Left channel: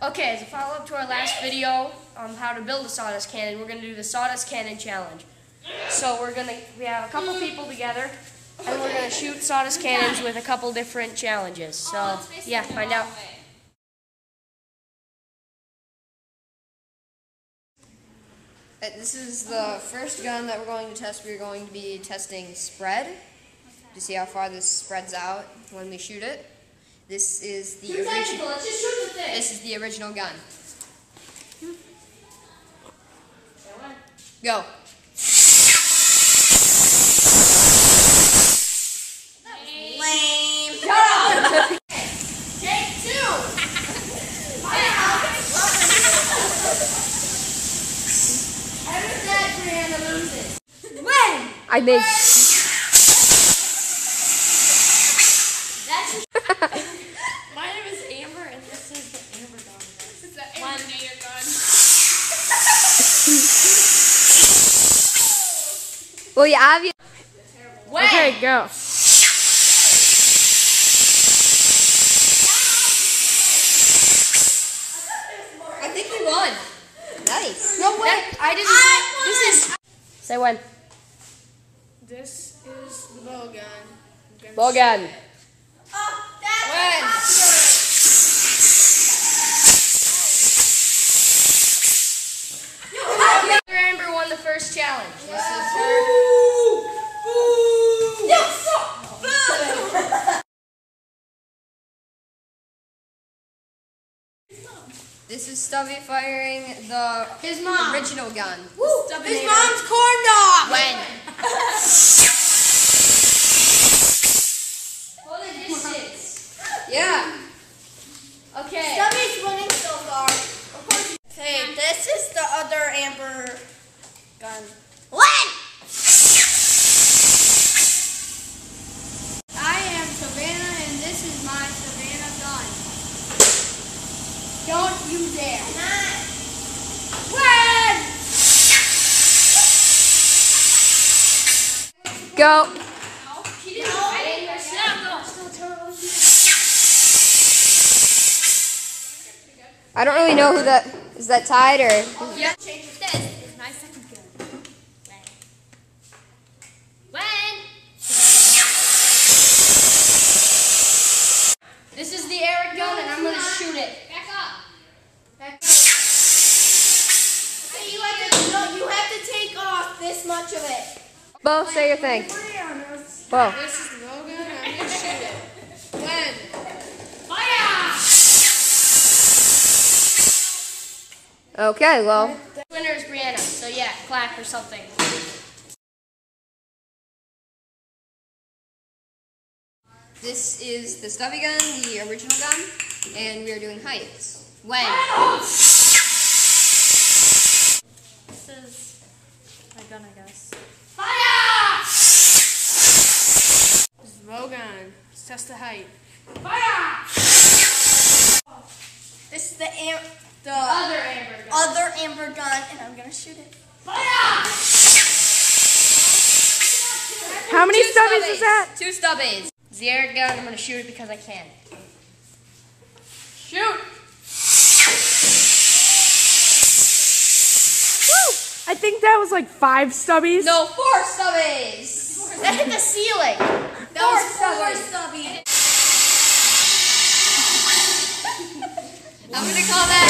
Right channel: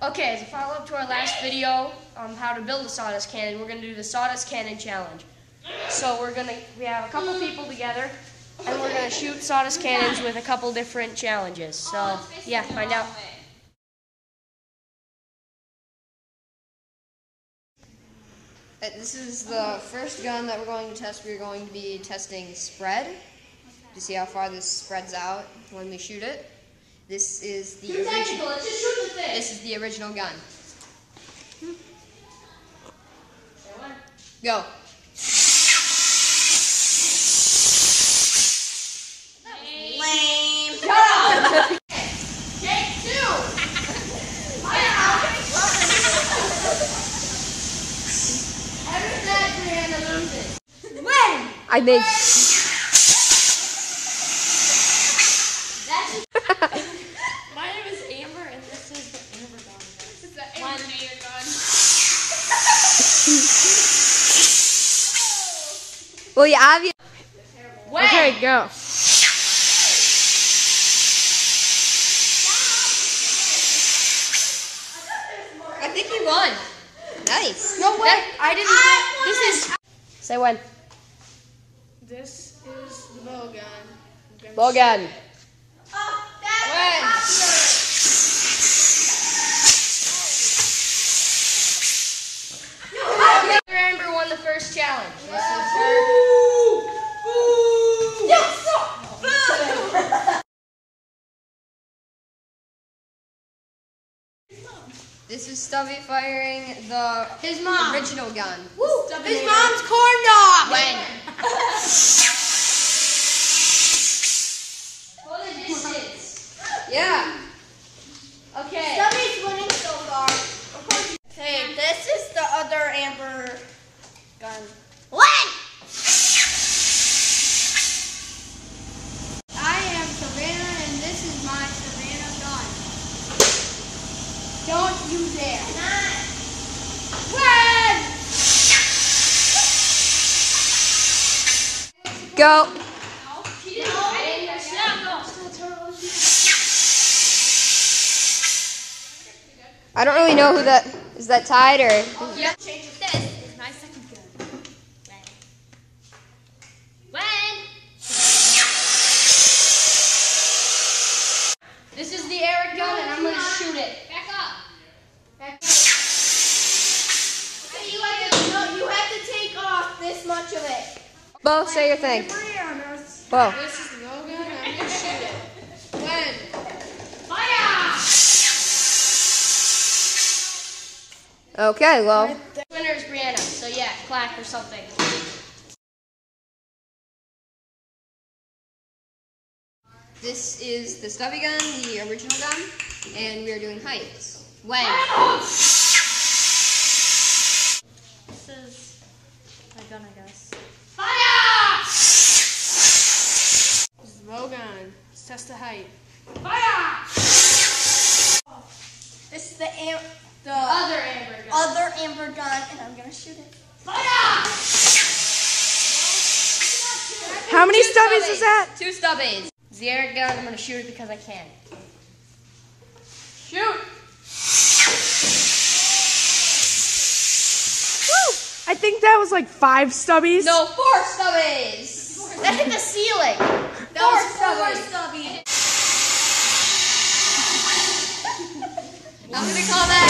Okay, as a follow-up to our last video on how to build a sawdust cannon, we're going to do the sawdust cannon challenge. So we have a couple people together, and we're going to shoot sawdust cannons with a couple different challenges. So, yeah, find out. This is the first gun that we're going to test. We're going to be testing spread to see how far this spreads out when we shoot it. This is the original. Let's just shoot the thing. This is the original gun. Go. Lame. Shut up. Take two. Every time Brianna loses. When? I made. My name is Amber, and this is the Amber gun. This is the Amber gun. Well, you obviously. Okay, go. I think we won. Nice. No way. I didn't. This is. Say when. This is the bow gun. Bow gun. When? Amber won the first challenge. This is her. This is Stubby firing the original gun. His mom's corn dog. When? Hold the distance. Yeah. Okay. Stubby's winning so far. Of course. Okay, this is the other Amber gun. When? I am Savannah, and this is my Savannah gun. Don't you dare. When? Go. I don't really know who that is. That tied or? Yeah. Change it. This is my second gun. When? This is the Eric gun, and I'm gonna shoot it. Back up. You have to take off this much of it. Bo, say your thing. Bo. This is the bow gun. I'm gonna shoot it. When? Okay, well. The winner is Brianna. So yeah, clap or something. This is the Stubby gun, the original gun, and we are doing heights. When? This is my gun, I guess. Fire! This is the bow gun. Let's test the height. Fire! This is the Other Amber gun. other Amber gun, and I'm gonna shoot it. Fire! How many Two stubbies is that? 2 stubbies. It's the Eric gun. I'm gonna shoot it because I can. Shoot! Woo! I think that was like 5 stubbies. No, 4 stubbies. That hit the ceiling. that was 4 stubbies. I'm gonna call that.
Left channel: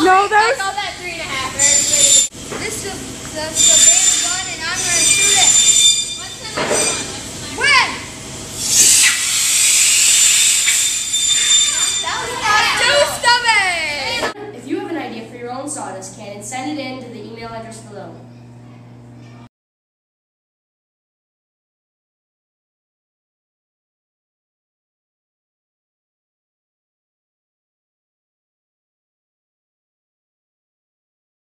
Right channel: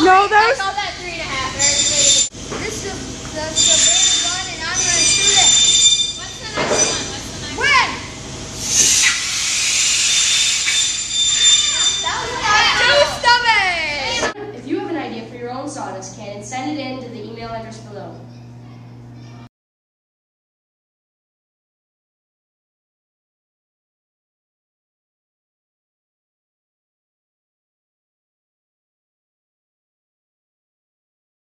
No, that was. I call that 3.5. This is the Savannah gun, and I'm gonna shoot it. What's the next one? When? That was 2 stubbies. If you have an idea for your own sawdust cannon, send it in to the email address below.